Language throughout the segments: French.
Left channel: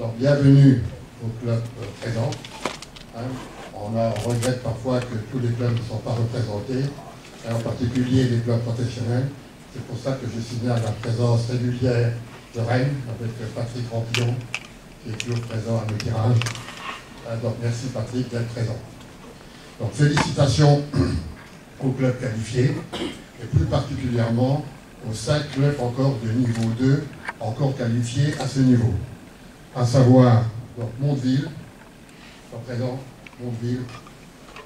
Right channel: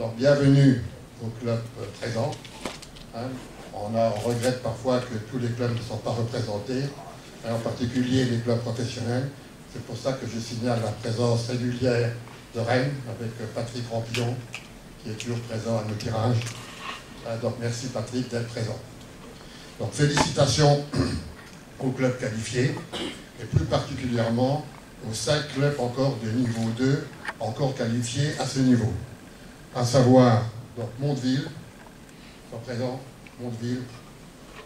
Donc bienvenue au club présent. Hein. On regrette parfois que tous les clubs ne sont pas représentés, et en particulier les clubs professionnels. C'est pour ça que je signale la présence régulière de Rennes avec Patrick Rampillon, qui est toujours présent à nos tirages. Donc merci Patrick d'être présent. Donc félicitations aux clubs qualifiés, et plus particulièrement aux 5 clubs encore de niveau 2, encore qualifiés à ce niveau. À savoir, donc Mondeville, sont présents, Mondeville,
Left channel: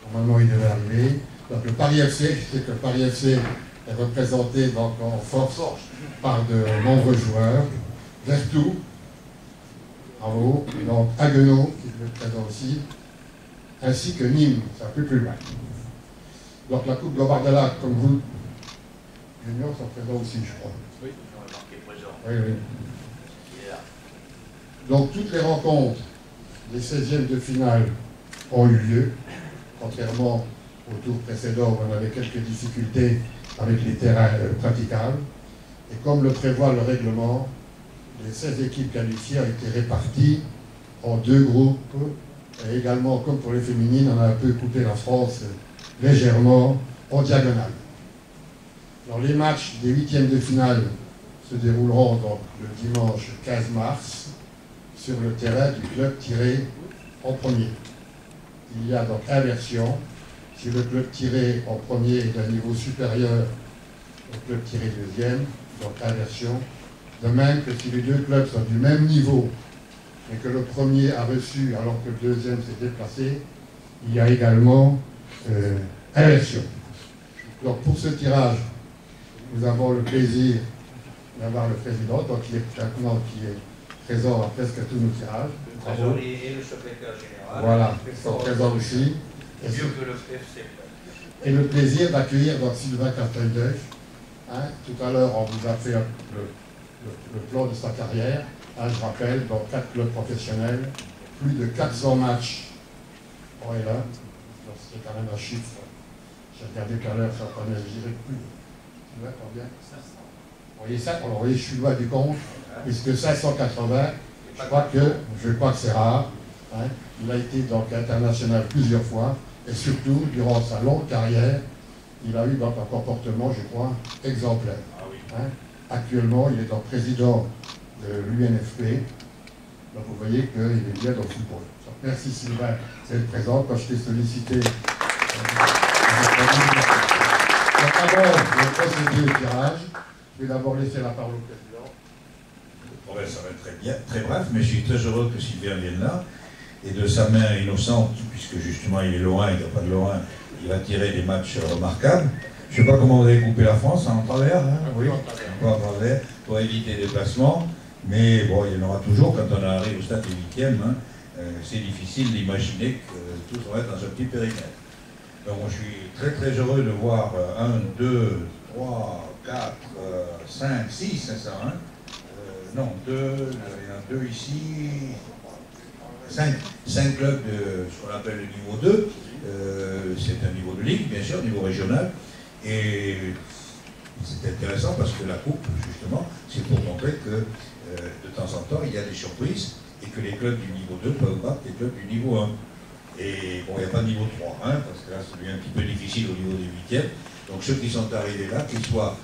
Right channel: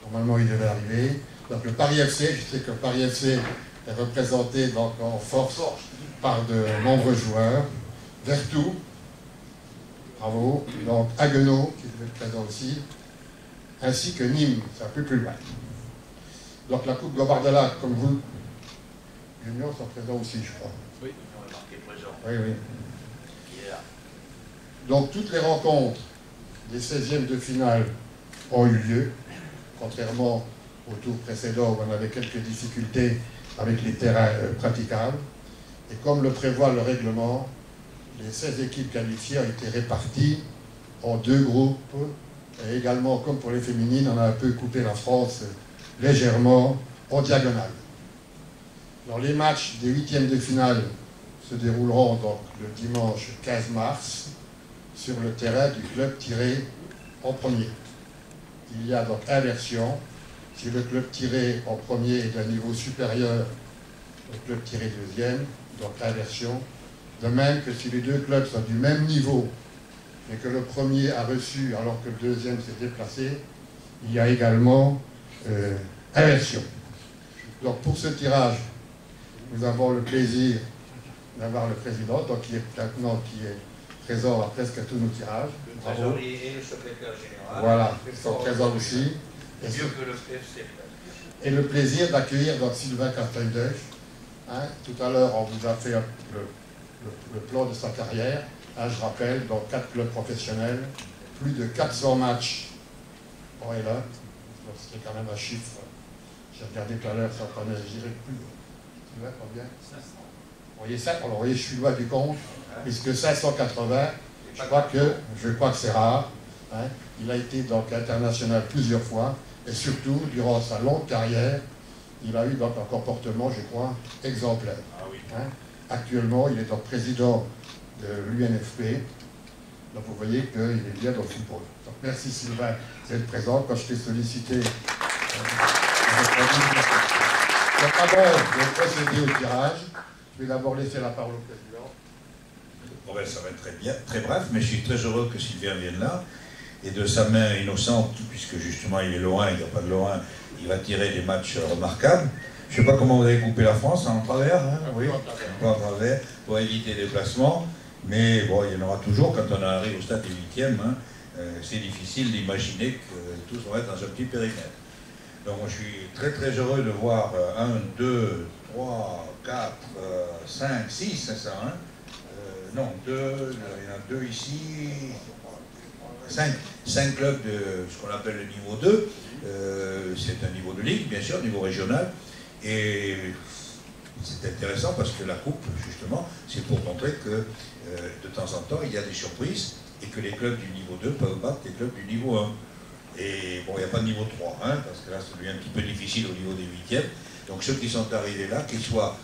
normalement il devait arriver. Donc le Paris FC, je sais que le Paris FC est représenté donc en force par de nombreux joueurs. Vertou, bravo, donc Haguenau, qui est présent aussi, ainsi que Nîmes, c'est un peu plus loin. Donc la Coupe Gobardella, comme vous, Union sont présents aussi, je crois. Oui, on est marqué présent. Oui, oui. Il est là. Donc toutes les rencontres des 16e de finale ont eu lieu, contrairement au tour précédent où on avait quelques difficultés avec les terrains praticables. Et comme le prévoit le règlement, les 16 équipes qualifiées ont été réparties en 2 groupes. Et également, comme pour les féminines, on a un peu coupé la France légèrement en diagonale. Alors, les matchs des 8e de finale se dérouleront donc le dimanche 15 mars sur le terrain du club tiré en premier. Il y a donc inversion. Si le club tiré en premier est d'un niveau supérieur au club tiré deuxième, donc inversion. De même que si les 2 clubs sont du même niveau, mais que le premier a reçu alors que le deuxième s'est déplacé, il y a également inversion. Donc pour ce tirage, nous avons le plaisir d'avoir le président, donc qui est présent à presque tous nos tirages. Le trésorier et le secrétaire général. Voilà, ils sont présents aussi. Et mieux que le FC. Et le plaisir d'accueillir donc Sylvain Carpendeuil. Hein, tout à l'heure, on vous a fait le plan de sa carrière. Hein, je rappelle, dans 4 clubs professionnels, plus de 400 matchs en L1. Donc c'est quand même un chiffre. J'ai regardé tout à l'heure, ça prenait, je dirais plus. Sylvain, combien 500. Vous voyez ça? Alors, vous voyez, je suis loin du compte, puisque 580, je crois que c'est rare. Hein. Il a été donc international plusieurs fois, et surtout, durant sa longue carrière, il a eu donc un comportement, je crois, exemplaire. Ah oui. Hein. Actuellement, il est donc président de l'UNFP, donc vous voyez qu'il est bien dans le football. Donc merci Sylvain d'être présent. Quand je t'ai sollicité, donc avant de procéder au tirage, je vais d'abord laisser la parole au président. Bon ben, ça va être très bien, très bref, mais je suis très heureux que Sylvain vienne là, et de sa main innocente, puisque justement il est Lorrain, il n'y a pas de Lorrain, il va tirer des matchs remarquables. Je ne sais pas comment vous avez coupé la France, en travers, hein, oui, en travers, pour éviter les déplacements, mais bon, il y en aura toujours quand on arrive au stade des 8e, hein, c'est difficile d'imaginer que tout va être dans un petit périmètre. Donc moi je suis très très heureux de voir 1, 2, 3, 4, 5, 6, c'est ça, hein? Non, 2, il y en a 2 ici, 5 clubs de ce qu'on appelle le niveau 2, c'est un niveau de ligue, bien sûr, niveau régional, et c'est intéressant parce que la coupe, justement, c'est pour montrer que de temps en temps, il y a des surprises, et que les clubs du niveau 2 peuvent battre les clubs du niveau 1. Et bon, il n'y a pas de niveau 3, hein, parce que là, ça devient un petit peu difficile au niveau des 8e. Donc ceux qui sont arrivés là, qu'ils soient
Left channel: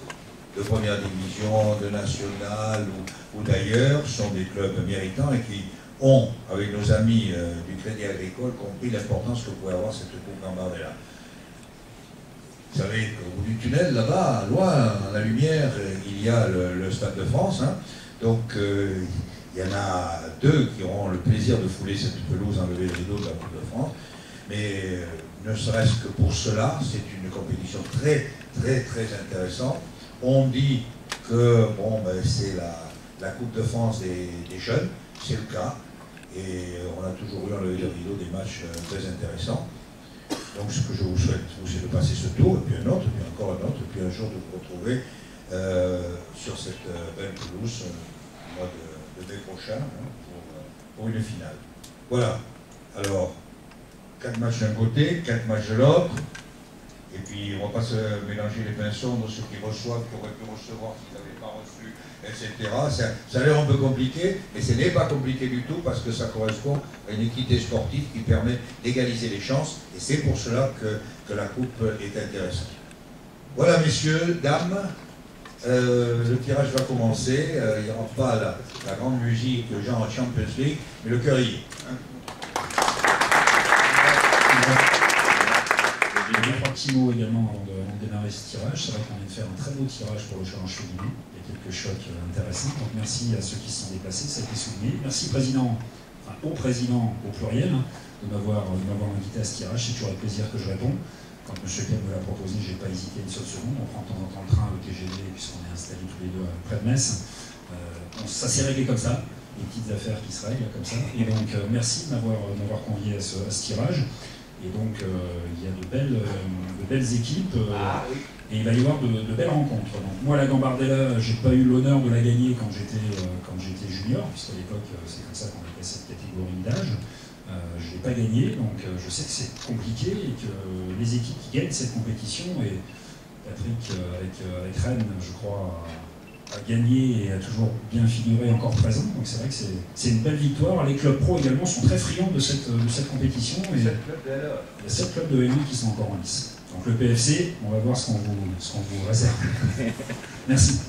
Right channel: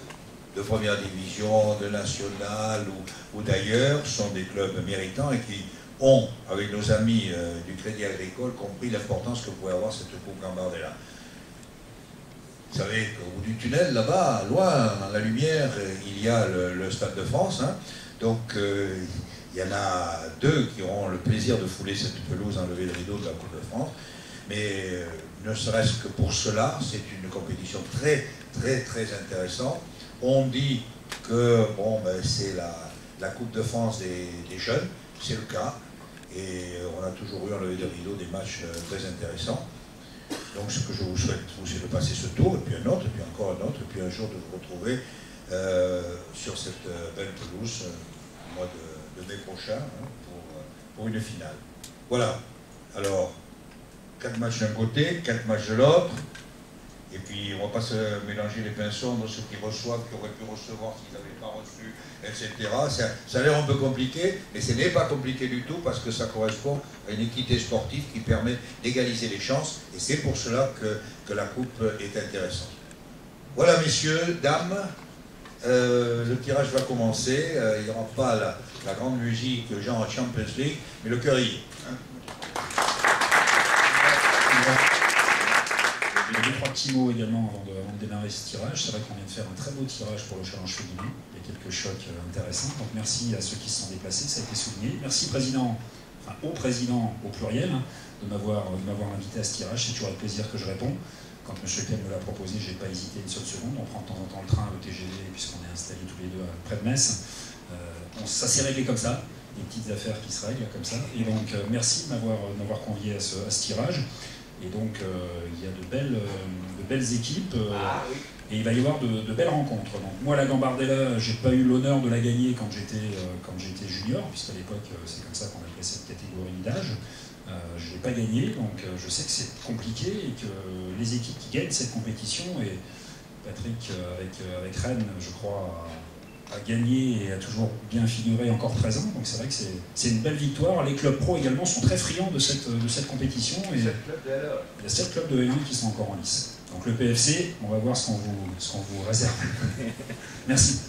de première division, de nationale ou d'ailleurs, sont des clubs méritants et qui ont, avec nos amis du Crédit Agricole, compris l'importance que pouvait avoir cette Coupe Gambardella. Vous savez qu'au bout du tunnel, là-bas, loin, à la lumière, il y a le Stade de France. Hein. Donc il y en a 2 qui auront le plaisir de fouler cette pelouse, enlever le rideau de la Coupe de France. Mais ne serait-ce que pour cela, c'est une compétition très, très, très intéressante. On dit que bon, ben, c'est la Coupe de France des jeunes, c'est le cas. Et on a toujours eu enlevé le rideau des matchs très intéressants. Donc ce que je vous souhaite, c'est de passer ce tour, et puis un autre, et puis encore un autre, et puis un jour de vous retrouver sur cette belle pelouse au mois de mai prochain, hein, pour une finale. Voilà. Alors, 4 matchs d'un côté, 4 matchs de l'autre. Et puis on ne va pas se mélanger les pinceaux entre ceux qui reçoivent, qui auraient pu recevoir s'ils n'avaient pas reçu, etc. Ça a l'air un peu compliqué, mais ce n'est pas compliqué du tout parce que ça correspond à une équité sportive qui permet d'égaliser les chances. Et c'est pour cela que la coupe est intéressante. Voilà, messieurs, dames, le tirage va commencer. Il n'y aura pas la grande musique genre Champions League, mais le cœur y est. Hein. Deux, trois petits mots également avant de démarrer ce tirage. C'est vrai qu'on vient de faire un très beau tirage pour le challenge féminin. Il y a quelques chocs intéressants. Donc merci à ceux qui se sont déplacés, ça a été souligné. Merci président, enfin au président au pluriel, de m'avoir invité à ce tirage. C'est toujours avec plaisir que je réponds. Quand M. Pell me l'a proposé, je n'ai pas hésité une seule seconde. On prend de temps en temps le train, le TGV, puisqu'on est installés tous les deux près de Metz. Ça s'est réglé comme ça, des petites affaires qui se règlent comme ça. Et donc merci de m'avoir convié à ce tirage. Et donc, il y a de belles équipes et il va y avoir de belles rencontres. Donc, moi, la Gambardella, je n'ai pas eu l'honneur de la gagner quand j'étais junior, puisqu'à l'époque, c'est comme ça qu'on appelait cette catégorie d'âge. Je ne l'ai pas gagné, donc je sais que c'est compliqué et que les équipes qui gagnent cette compétition, et Patrick, avec Rennes, je crois, a gagné et a toujours bien figuré, encore présent. Donc c'est vrai que c'est une belle victoire. Les clubs pro également sont très friands de cette compétition. Et il y a 7 clubs de L1 qui sont encore en lice. Donc le PFC, on va voir ce qu'on vous réserve. Merci.